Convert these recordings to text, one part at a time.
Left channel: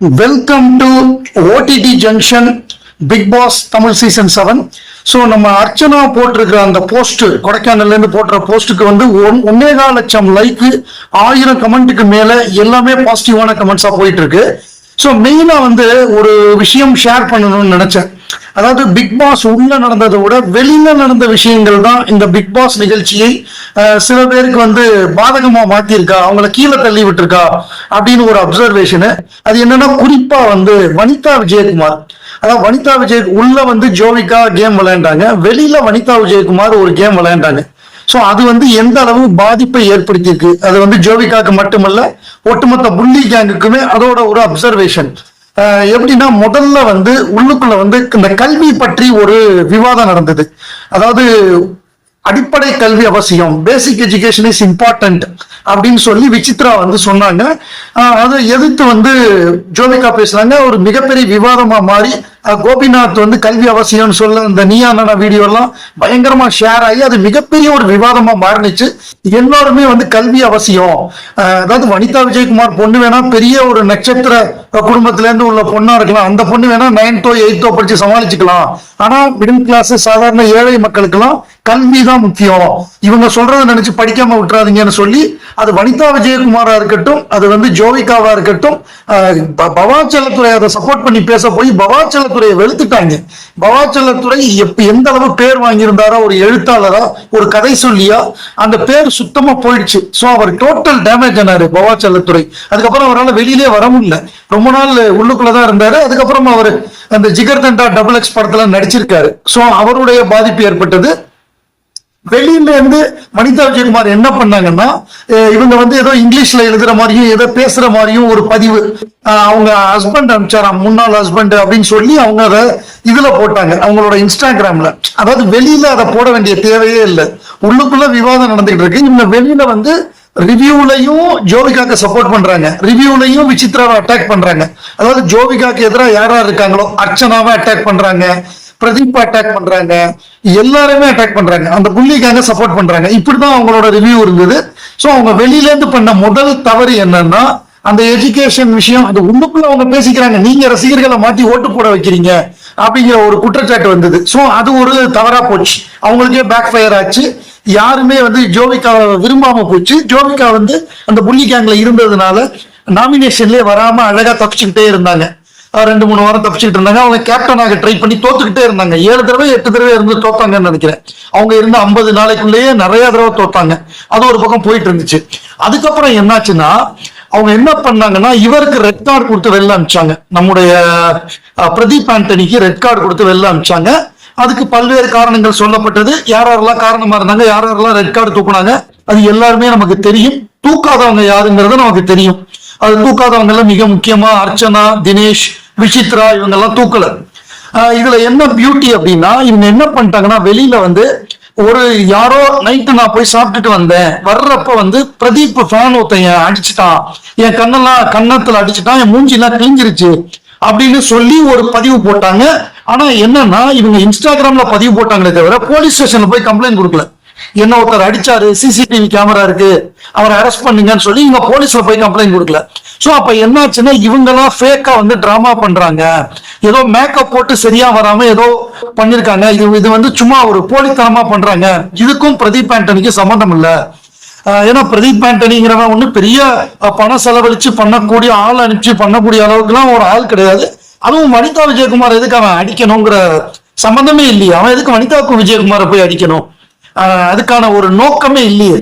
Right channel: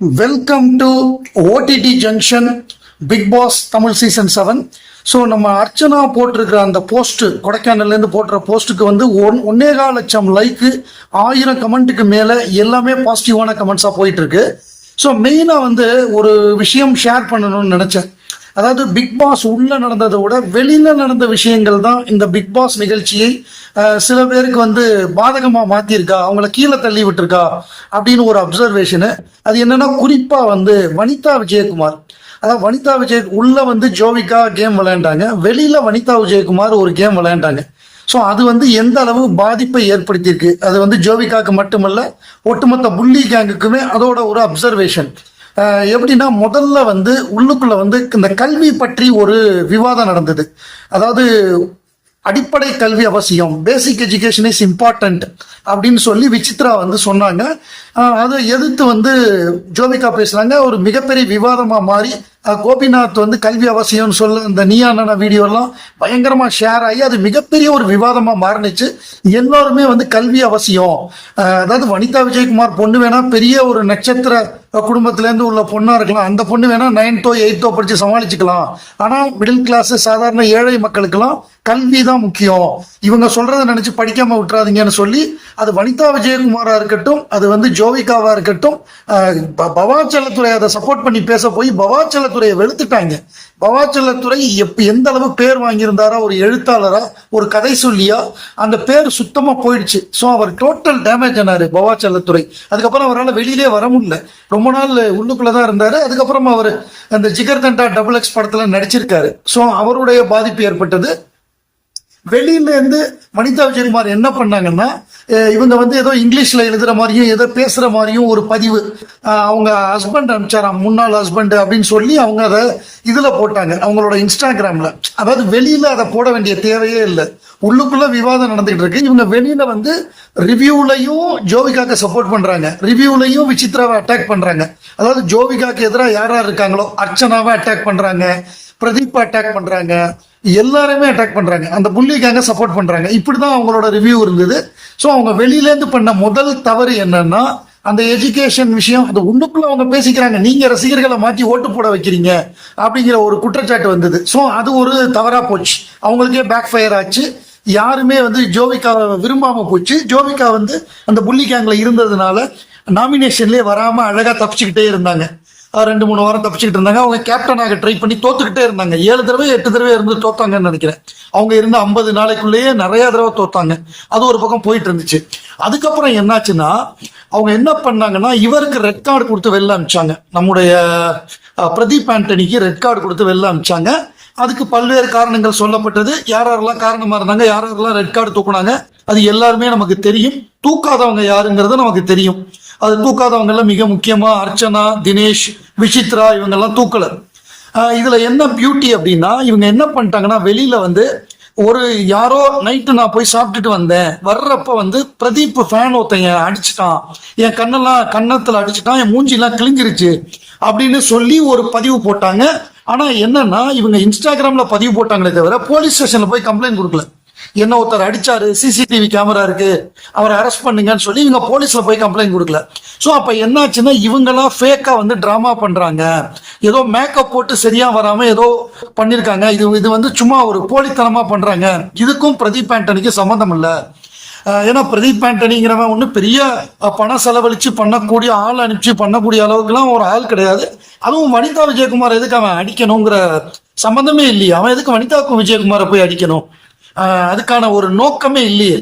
Welcome to OTT Junction Big Boss Tamil Season 7. So நம்ம அர்ச்சனா போட்டிருக்கிற அந்த போஸ்ட், கொடைக்கானல்ல இருந்து போட்டுற போஸ்ட்டுக்கு வந்து 1.25 லட்சம் லைக்கு, 1000 கமெண்ட்டுக்கு மேல எல்லாமே பாசிட்டிவான கமெண்ட்ஸா போயிட்டு இருக்கு. ஸோ மெயினா வந்து ஒரு விஷயம் ஷேர் பண்ணணும்னு நினைச்சேன். அதாவது பிக் பாஸ் உள்ள நடந்ததை விட வெளியில நடந்த விஷயங்கள் தான் இந்த பிக் பாஸ் நிகழ்ச்சியை சில பேருக்கு வந்து பாதகமா மாத்திருக்கா, அவங்கள கீழே தள்ளி விட்டுருக்கா அப்படின்னு ஒரு அப்சர்வேஷனு. அது என்னன்னா, குறிப்பா வந்து வனிதா விஜயகுமார், அதாவது வனிதா விஜய் உள்ள வந்து ஜோவிகா கேம் விளையாண்டாங்க, வெளியில வனிதா விஜயகுமார் ஒரு கேம் விளையாண்டாங்க. ஸோ அது வந்து எந்த அளவு பாதிப்பை ஏற்படுத்தியிருக்கு, அது வந்து ஜோவிகாக்கு மட்டுமல்ல ஒட்டுமொத்த புள்ளி கேங்குக்குமே அதோட ஒரு அப்சர்வேஷன். எப்படின்னா, முதல்ல வந்து உள்ளுக்குள்ள வந்து இந்த கல்வி பற்றி ஒரு விவாதம் நடந்தது. அதாவது அடிப்படை கல்வி அவசியம், பேசிக் எஜுகேஷன் இஸ் இம்பார்ட்டன்ட் அப்படின்னு சொல்லி விசித்ரா வந்து சொன்னாங்க. அதை எதிர்த்து வந்து ஜோவிகா பேசுறாங்க. ஒரு மிகப்பெரிய விவாதமா மாறி கோபிநாத் வந்து கல்வி அவசியம்னு சொல்ல இந்த நீயானா வீடியோ எல்லாம் பயங்கரமா ஷேர் ஆகி அது மிகப்பெரிய ஒரு விவாதமா மாறினுச்சு. எல்லாருமே வந்து கல்வி அவசியம், அதாவது வனிதா விஜயகுமார் பொண்ணு வேணா பெரிய ஒரு நட்சத்திர குடும்பத்துல இருந்து உள்ள பொண்ணா இருக்கலாம், அந்த பொண்ணு வேணா 9th 8th படிச்சு சமாளிச்சுக்கலாம். ஆனா மிடில் கிளாஸ் சாதாரண ஏழை மக்களுக்கு எல்லாம் கல்விதான் முக்கியம், இவங்க சொல்றதை நினைச்சு படிக்காம விட்டுறாதீங்கன்னு சொல்லி அது வனிதா விஜயகுமாரா இருக்கட்டும், அது வந்து ஜோவிகாவா இருக்கட்டும், பவாச்சலத்துறை அதை சப்போர்ட் பண்ணி பேச போய் பவாச்சலத்துறையை வெளுத்துட்டாங்க. பவாச்சலத்துறை எந்த அளவு பேர் வாங்கியிருந்தாரோ, ஒரு எழுத்தாளரா ஒரு கதை சொல்லியா, அந்த பேர் சுத்தமா போயிடுச்சு. ஸோ அவர் டோட்டல் டேமேஜ் ஆனாரு பவாச்சலத்துறை. அதுக்கப்புறம் அவரால் வெளியிலே வர முடியல, ரொம்ப நாள் உள்ளுக்குள்ளதான் இருந்தாரு. அதுக்கப்புறம் அவர் அந்த ஜிகர் தண்டா XX படத்துல நடிச்சிருக்காரு. ஸோ அவருடைய பாதிப்பு ஏற்பட்டது. வெளியில இருந்து வனிதா விஜயகுமார் என்ன பண்ணாங்கன்னா, இவங்க வந்து ஏதோ இங்கிலீஷ்ல எழுதுற மாதிரியும் ஏதோ பேசுற மாதிரியும் ஒரு பதிவு அவங்க ஹஸ்பண்ட் அனுப்பிச்சாராம், முன்னாள் ஹஸ்பண்ட் அப்படின்னு சொல்லி அவங்க அதை இதுல போட்டாங்க அவங்களோட இன்ஸ்டாகிராம்ல. அதாவது வெளியில அதை போட வேண்டிய தேவையே இல்லை, உள்ளுக்குள்ள விவாதம் நடந்துகிட்டு இருக்கு. இவங்க வெளியில வந்து ரிவ்யூலையும் ஜோவிகாக்கு சப்போர்ட் பண்றாங்க, ரிவ்யூலையும் விசித்ராவை அட்டாக் பண்றாங்க. அதாவது ஜோவிகாக்கு எதிராக யாரா இருக்காங்களோ அர்ச்சனாவை அட்டாக் பண்றாங்க, பிரதீப் அட்டாக் பண்றாங்க, எல்லாருமே அட்டாக் பண்றாங்க, அந்த புள்ளிக்காக சப்போர்ட் பண்றாங்க. இப்படிதான் அவங்களோட ரிவ்யூ இருந்தது. ஸோ அவங்க வெளியில இருந்து பண்ண முதல் தவறு என்னன்னா, அந்த எஜுகேஷன் விஷயம். அந்த உள்ளுக்குள்ள அவங்க பேசிக்கிறாங்க, நீங்க ரசிகர்களை மாற்றி ஓட்டு போட வைக்கிறீங்க அப்படிங்கிற ஒரு குற்றச்சாட்டு வந்தது. ஸோ அது ஒரு தவறா போச்சு, அவங்களுக்கே பேக் ஃபயர் ஆச்சு. யாருமே வந்து ஜோவிகாவை விரும்பாம போச்சு. ஜோவிகா வந்து அந்த புள்ளி கேங்ல இருந்ததுனால நாமினேஷன்லயே வராம அழகா தப்பிச்சுக்கிட்டே இருந்தாங்க. 2-3 வாரம் தப்பிச்சுட்டு இருந்தாங்க. அவங்க கேப்டனாக ட்ரை பண்ணி தோத்துக்கிட்டே இருந்தாங்க. 7 தடவை 8 தடவை இருந்து தோத்தாங்கன்னு நினைக்கிறேன். அவங்க இருந்த 50 நாளைக்குள்ளேயே நிறைய தடவை தோத்தாங்க. அது ஒரு பக்கம் போயிட்டு இருந்துச்சு. அதுக்கப்புறம் என்னாச்சுன்னா, அவங்க என்ன பண்ணாங்கன்னா, இவருக்கு ரெட் கார்டு கொடுத்து வெளில அனுப்பிச்சாங்க. நம்முடைய பிரதீப் ஆண்டனிக்கு ரெட் கார்டு கொடுத்து வெளில அனுப்பிச்சாங்க. அதுக்கு பல்வேறு காரணங்கள் சொல்லப்பட்டது. யாரெல்லாம் காரணமா இருந்தாங்க, யாரெல்லாம் ரெட் கார்டு தூக்குனாங்க, அது எல்லாருமே நமக்கு தெரியும். தூக்காதவங்க யாருங்கிறது நமக்கு தெரியும். அது தூக்காதவங்க எல்லாம் மிக முக்கியமா அர்ச்சனா, தினேஷ், விசித்ரா, இவங்க எல்லாம் தூக்கல. இதுல என்ன பியூட்டி அப்படின்னா, இவங்க என்ன பண்ணிட்டாங்கன்னா, வெளியில வந்து ஒரு யாரோ நைட்டு நான் போய் சாப்பிட்டுட்டு வந்தேன், வர்றப்ப வந்து பிரதீப் ஃபேன் ஒருத்தன் அடிச்சுட்டான், என் கன்னத்துல அடிச்சுட்டான், என் மூஞ்சிலாம் கிழிஞ்சிருச்சு அப்படின்னு சொல்லி ஒரு பதிவு போட்டாங்க. ஆனா என்னன்னா, இவங்க இன்ஸ்டாகிராம்ல பதிவு போட்டாங்களே தவிர போலீஸ் ஸ்டேஷன்ல போய் கம்ப்ளைண்ட் கொடுக்கல. என்ன ஒருத்தர் அடிச்சாரு, சிசிடிவி கேமரா இருக்கு, அவரை அரெஸ்ட் பண்ணீங்கன்னு சொல்லி இவங்க போலீஸ்ல போய் கம்ப்ளைண்ட் கொடுக்கல. சோ அப்ப என்னாச்சுன்னா, இவங்கெல்லாம் ஃபேக்கா வந்து டிராமா பண்றாங்க, ஏதோ மேக்கப் போட்டு சரியா வராம ஏதோ பண்ணிருக்காங்க. இது வந்து சும்மா ஒரு போலித்தனமா பண்றாங்க. இதுக்கும் பிரதீப் ஆண்டனிக்கு சம்பந்தம் இல்ல. ஏன்னா பிரதீப் ஆண்டனிங்கிறவன் ஒண்ணு பெரிய பணம் செலவழிச்சு பண்ணக்கூடிய ஆள் அனுப்பிச்சு பண்ணக்கூடிய அளவுக்குலாம் ஒரு ஆள் கிடையாது. அதுவும் வனிதா விஜயகுமார் எதுக்கு அவன் அடிக்கணுங்கிற சம்பந்தமே இல்லையே. அவன் எதுக்கு வனிதா விஜயகுமாரை போய் அடிக்கணும், அதுக்கான ஒரு நோக்கமே இல்லையே.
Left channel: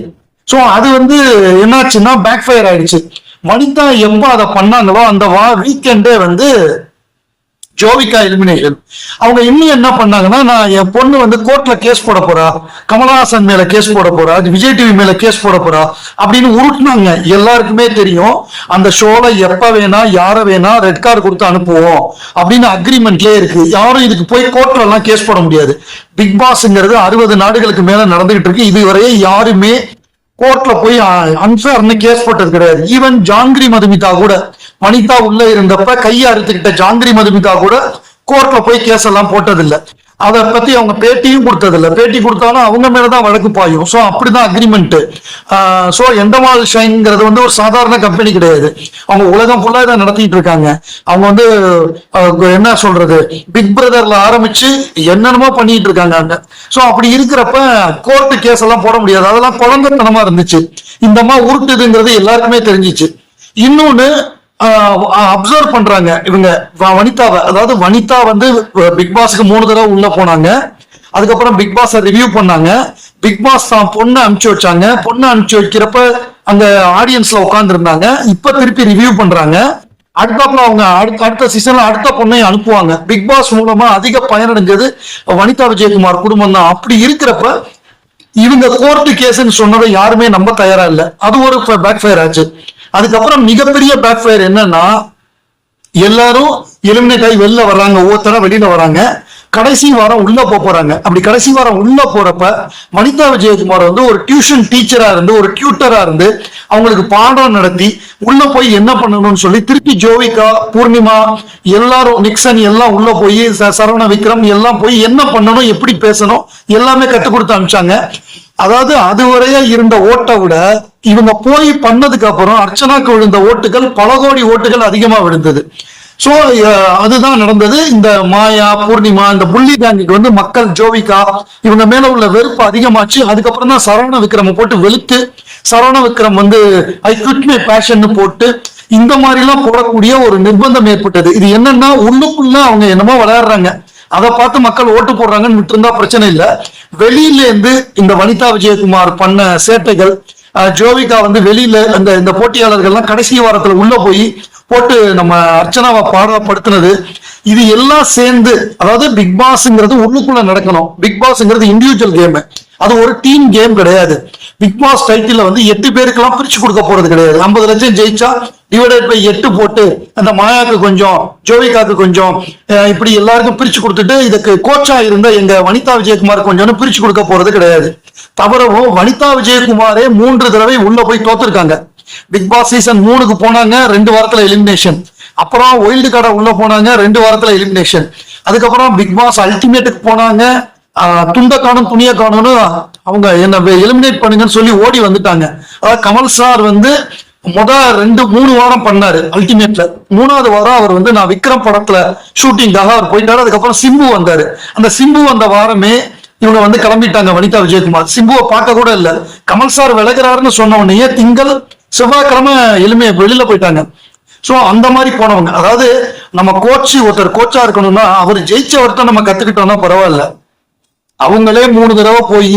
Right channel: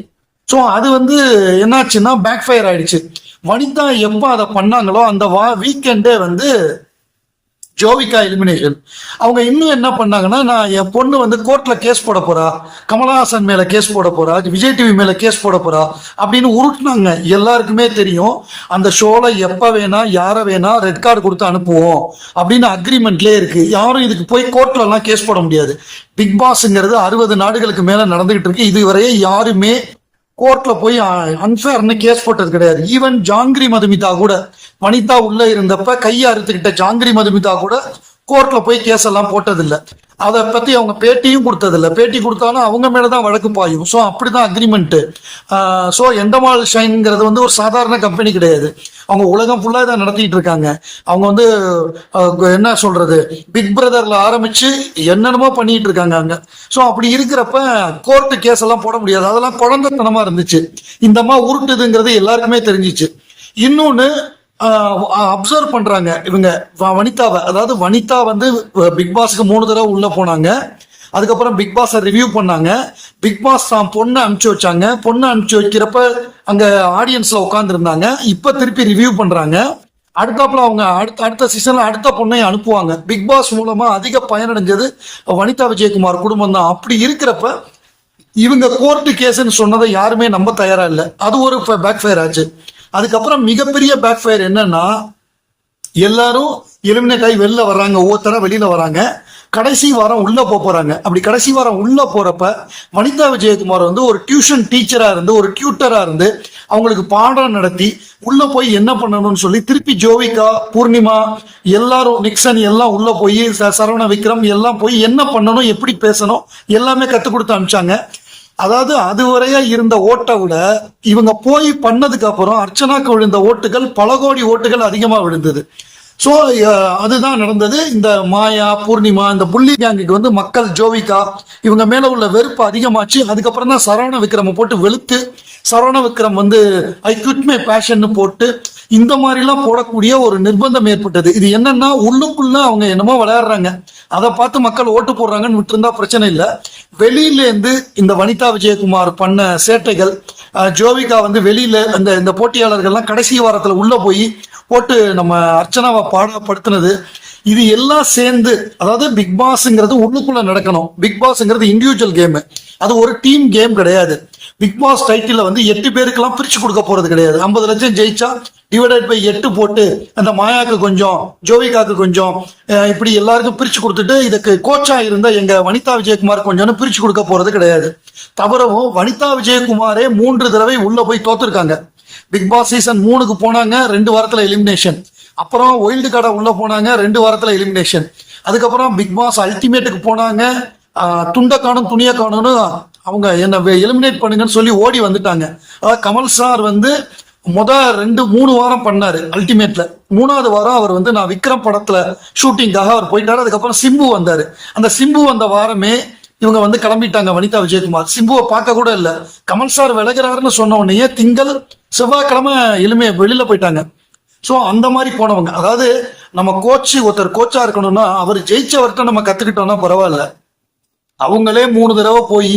சோ அது வந்து என்னாச்சுன்னா பேக் ஃபயர் ஆயிடுச்சு. வனிதா எப்ப அதை பண்ணாங்களோ அந்த வீக்கெண்டே வந்து ஜோவிகா எலிமினேஷன். அவங்க இன்னும் என்ன பண்ணாங்கன்னா, நான் என் பொண்ணு வந்து கோர்ட்ல கேஸ் போட போறா, கமலஹாசன் மேல கேஸ் போட போறா, விஜய் டிவி மேல கேஸ் போட போறா அப்படின்னு உருட்டுனாங்க. எல்லாருக்குமே தெரியும் அந்த ஷோல எப்ப வேணா யார வேணா ரெட் கார்டு கொடுத்து அனுப்புவோம் அப்படின்னு அக்ரிமெண்ட்லயே இருக்கு. யாரும் இதுக்கு போய் கோர்ட்ல எல்லாம் கேஸ் போட முடியாது. பிக் பாஸ்ங்கிறது 60 நாடுகளுக்கு மேல நடந்துகிட்டு இருக்கு. இதுவரையே யாருமே கோர்ட்ல போய் அன்ஃபேர்னு கேஸ் போட்டது கிடையாது. ஈவன் ஜாங்கிரி மதுமிதா கூட, வனிதா உள்ள இருந்தப்ப கையை அறுத்துக்கிட்ட ஜாங்கிரி மதுமிதா கூட கோர்ட்ல போய் கேஸ் எல்லாம் போட்டதில்லை. அதை பத்தி அவங்க பேட்டியும் கொடுத்தது இல்ல. பேட்டி கொடுத்தாலும் அவங்க மேலதான் வழக்கு பாயும். ஸோ அப்படிதான் அக்ரிமெண்ட். ஸோ எண்டமால் ஷைன்ங்கிறது வந்து ஒரு சாதாரண கம்பெனி கிடையாது. அவங்க உலகம் ஃபுல்லா இதை நடத்திட்டு இருக்காங்க. அவங்க வந்து என்ன சொல்றது, பிக் பிரதர்ல ஆரம்பிச்சு என்னென்னமோ பண்ணிட்டு இருக்காங்க. ஸோ அப்படி இருக்கிறப்ப கோர்ட்டு கேஸ் எல்லாம் போட முடியாது. அதெல்லாம் குழந்தைத்தனமா இருந்துச்சு. இந்த மாதிரி உருட்டுதுங்கிறது எல்லாருக்குமே தெரிஞ்சிச்சு. இன்னொன்னு அப்சர்வ் பண்றாங்க இவங்க வனிதாவை. அதாவது வனிதா வந்து பிக் பாஸ்க்கு 3 தடவை உள்ள போனாங்க. அதுக்கப்புறம் பிக் பாஸ் ரிவ்யூ பண்ணாங்க. பிக் பாஸ் தான் பொண்ணை அனுப்பிச்சு வச்சாங்க. பொண்ணை அனுப்பிச்சு வைக்கிறப்ப அந்த ஆடியன்ஸ்ல உட்கார்ந்து இருந்தாங்க. இப்ப திருப்பி ரிவ்யூ பண்றாங்க. அடுத்தாப்புல அவங்க அடுத்த சீசன்ல அடுத்த பொண்ணை அனுப்புவாங்க. பிக் பாஸ் மூலமா அதிக பயனடைஞ்சது வனிதா விஜயகுமார் குடும்பம் தான். அப்படி இருக்கிறப்ப இவங்க கோர்ட்டு கேஸ்ன்னு சொன்னதை யாருமே நம்ப தயாரா இல்லை. அது ஒரு பேக் ஃபயர் ஆச்சு. அதுக்கப்புறம் மிகப்பெரிய பேக் ஃபயர் என்னன்னா, எல்லாரும் எலிமினேட் ஆகி வெளில வர்றாங்க. ஒவ்வொருத்தர வெளியில வராங்க. கடைசி வாரம் உள்ள போறாங்க. அப்படி கடைசி வாரம் உள்ள போறப்ப வனிதா விஜயகுமார் வந்து ஒரு டியூஷன் டீச்சரா இருந்து, ஒரு டியூட்டரா இருந்து அவங்களுக்கு பாடம் நடத்தி உள்ள போய் என்ன பண்ணணும்னு சொல்லி திருப்பி ஜோவிகா, பூர்ணிமா, எல்லாரும் நிக்சன் எல்லாம் உள்ள போய் சரவண விக்ரம் எல்லாம் போய் என்ன பண்ணணும், எப்படி பேசணும் எல்லாமே கத்துக் கொடுத்து அனுப்பிச்சாங்க. அதாவது அதுவரைய இருந்த ஓட்டை விட இவங்க போய் பண்ணதுக்கு அப்புறம் அர்ச்சனாக்கு விழுந்த ஓட்டுகள் பல கோடி ஓட்டுகள் அதிகமா விழுந்தது. சோ அதுதான் நடந்தது. இந்த மாயா, பூர்ணிமா, இந்த புள்ளி கேங்குக்கு வந்து மக்கள், ஜோவிகா இவங்க மேல உள்ள வெறுப்பு அதிகமாச்சு. அதுக்கப்புறம் தான் சரவண விக்ரம் போட்டு வெளுத்து, சரவண விக்ரம் வந்து ஐ குவிட் மை பேஷன் போட்டு இந்த மாதிரி எல்லாம் போடக்கூடிய ஒரு நிர்பந்தம் ஏற்பட்டது. இது என்னன்னா, உள்ளுக்குள்ள அவங்க என்னமோ விளையாடுறாங்க, அதை பார்த்து மக்கள் ஓட்டு போடுறாங்கன்னு விட்டு இருந்தா பிரச்சனை இல்லை. வெளியில இருந்து இந்த வனிதா விஜயகுமார் பண்ண சேட்டைகள், ஜோவிகா வந்து வெளியில இந்த போட்டியாளர்கள்லாம் கடைசி வாரத்துல உள்ள போய் போட்டு நம்ம அர்ச்சனாவை பாடப்படுத்தினது, இது எல்லாம் சேர்ந்து, அதாவது பிக் பாஸ்ங்கிறது உள்ளுக்குள்ள நடக்கணும். பிக் பாஸ்ங்கிறது இண்டிவிஜுவல் கேம், அது ஒரு டீம் கேம் கிடையாது. பிக் பாஸ் டைட்டில் வந்து 8 பேருக்கெல்லாம் பிரிச்சு கொடுக்க போறது கிடையாது. 50 லட்சம் ஜெயிச்சா டிவைடட் பை 8 போட்டு அந்த மாயாக்கு கொஞ்சம், ஜோவிகாக்கு கொஞ்சம், இப்படி எல்லாருக்கும் பிரிச்சு கொடுத்துட்டு இதுக்கு கோச்சா இருந்த எங்க வனிதா விஜயகுமார் கொஞ்சம் பிரிச்சு கொடுக்க போறது கிடையாது. தவறவோ வனிதா விஜயகுமாரே 3 தடவை உள்ள போய் தோத்துருக்காங்க. பிக் பாஸ் சீசன் 3க்கு போனாங்க, 2 வாரத்துல எலிமினேஷன். அப்புறம் ஒயில்டு கார்டை உள்ள போனாங்க, 2 வாரத்துல எலிமினேஷன். அதுக்கப்புறம் பிக் பாஸ் அல்டிமேட்டுக்கு போனாங்க. துண்ட காணும் துணிய காணும்னு அவங்க என்ன எலிமினேட் பண்ணுங்கன்னு சொல்லி ஓடி வந்துட்டாங்க. அதாவது கமல் சார் வந்து 2-3 வாரம் பண்ணாரு அல்டிமேட்ல. 3வது வாரம் அவர் வந்து நான் விக்ரம் படத்துல ஷூட்டிங்காக அவர் போயிட்டாரு. அதுக்கப்புறம் சிம்பு வந்தாரு. அந்த சிம்பு வந்த வாரமே இவங்க வந்து கிளம்பிட்டாங்க வனிதா விஜயகுமார். சிம்புவை பார்க்க கூட இல்ல. கமல் சார் விலகிறாருன்னு சொன்ன உடனே திங்கள் செவ்வாய்க்கிழமை வெளியில போயிட்டாங்க. சோ அந்த மாதிரி போனவங்க. அதாவது நம்ம ஒருத்தர் கோச்சா இருக்கணும்னா அவர் ஜெயிச்சவர்கிட்ட நம்ம கத்துக்கிட்டோம்னா பரவாயில்ல. அவங்களே 3 தடவை போய்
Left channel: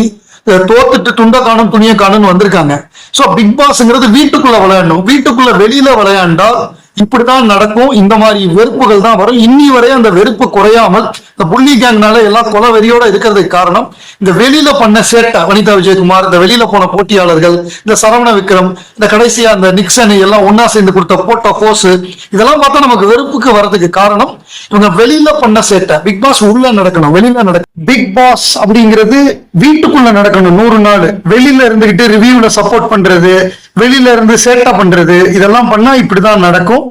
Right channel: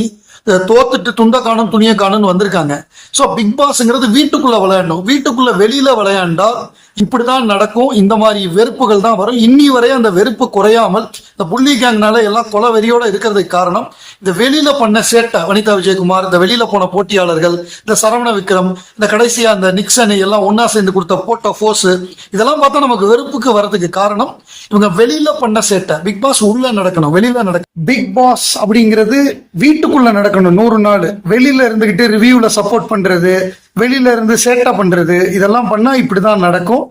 தோத்துட்டு துண்ட காணும் துணிய காணும்னு வந்திருக்காங்க. சோ பிக் பாஸ்ங்கிறது வீட்டுக்குள்ள விளையாடணும். வீட்டுக்குள்ள வெளியில விளையாண்டால் இப்படிதான் நடக்கும். இந்த மாதிரி வெறுப்புகள் தான் வரும். இன்னி வரை அந்த வெறுப்பு குறையாமல் இந்த புள்ளி கேங்னால எல்லாம் கொலை வெறியோட இருக்கிறதுக்கு காரணம் இந்த வெளியில பண்ண சேட்டை. வனிதா விஜயகுமார், இந்த வெளியில போன போட்டியாளர்கள், இந்த சரவண விக்ரம், இந்த கடைசியா அந்த நிக்சன் எல்லாம் ஒன்னா சேர்ந்து கொடுத்த போட்ட போஸ், இதெல்லாம் பார்த்தா நமக்கு வெறுப்புக்கு வர்றதுக்கு காரணம் இவங்க வெளியில பண்ண சேட்டை. பிக் பாஸ் உள்ள நடக்கணும், வெளியில நடக்கணும். பிக் பாஸ் அப்படிங்கிறது வீட்டுக்குள்ள நடக்கணும் 100 நாள். வெளியில இருந்துகிட்டு ரிவ்யூல சப்போர்ட் பண்றது, வெளியில இருந்து சேட்டா பண்றது, இதெல்லாம் பண்ணா இப்படிதான் நடக்கும்.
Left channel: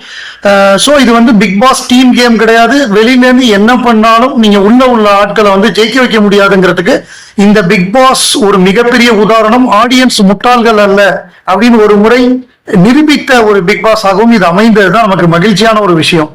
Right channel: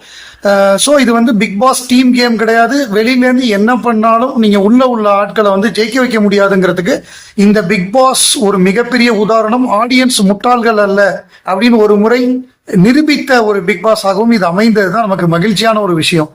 சோ இது வந்து பிக் பாஸ் டீம் கேம் கிடையாது. வெளியில இருந்து என்ன பண்ணாலும் நீங்க உள்ள ஆட்களை வந்து ஜெயிக்க வைக்க முடியாதுங்கிறதுக்கு இந்த பிக் பாஸ் ஒரு மிகப்பெரிய உதாரணம். ஆடியன்ஸ் முட்டாள்கள் அல்ல அப்படின்னு ஒரு முறை நிரூபித்த ஒரு பிக் பாஸ் ஆகவும் இது அமைந்ததுதான் நமக்கு மகிழ்ச்சியான ஒரு விஷயம்.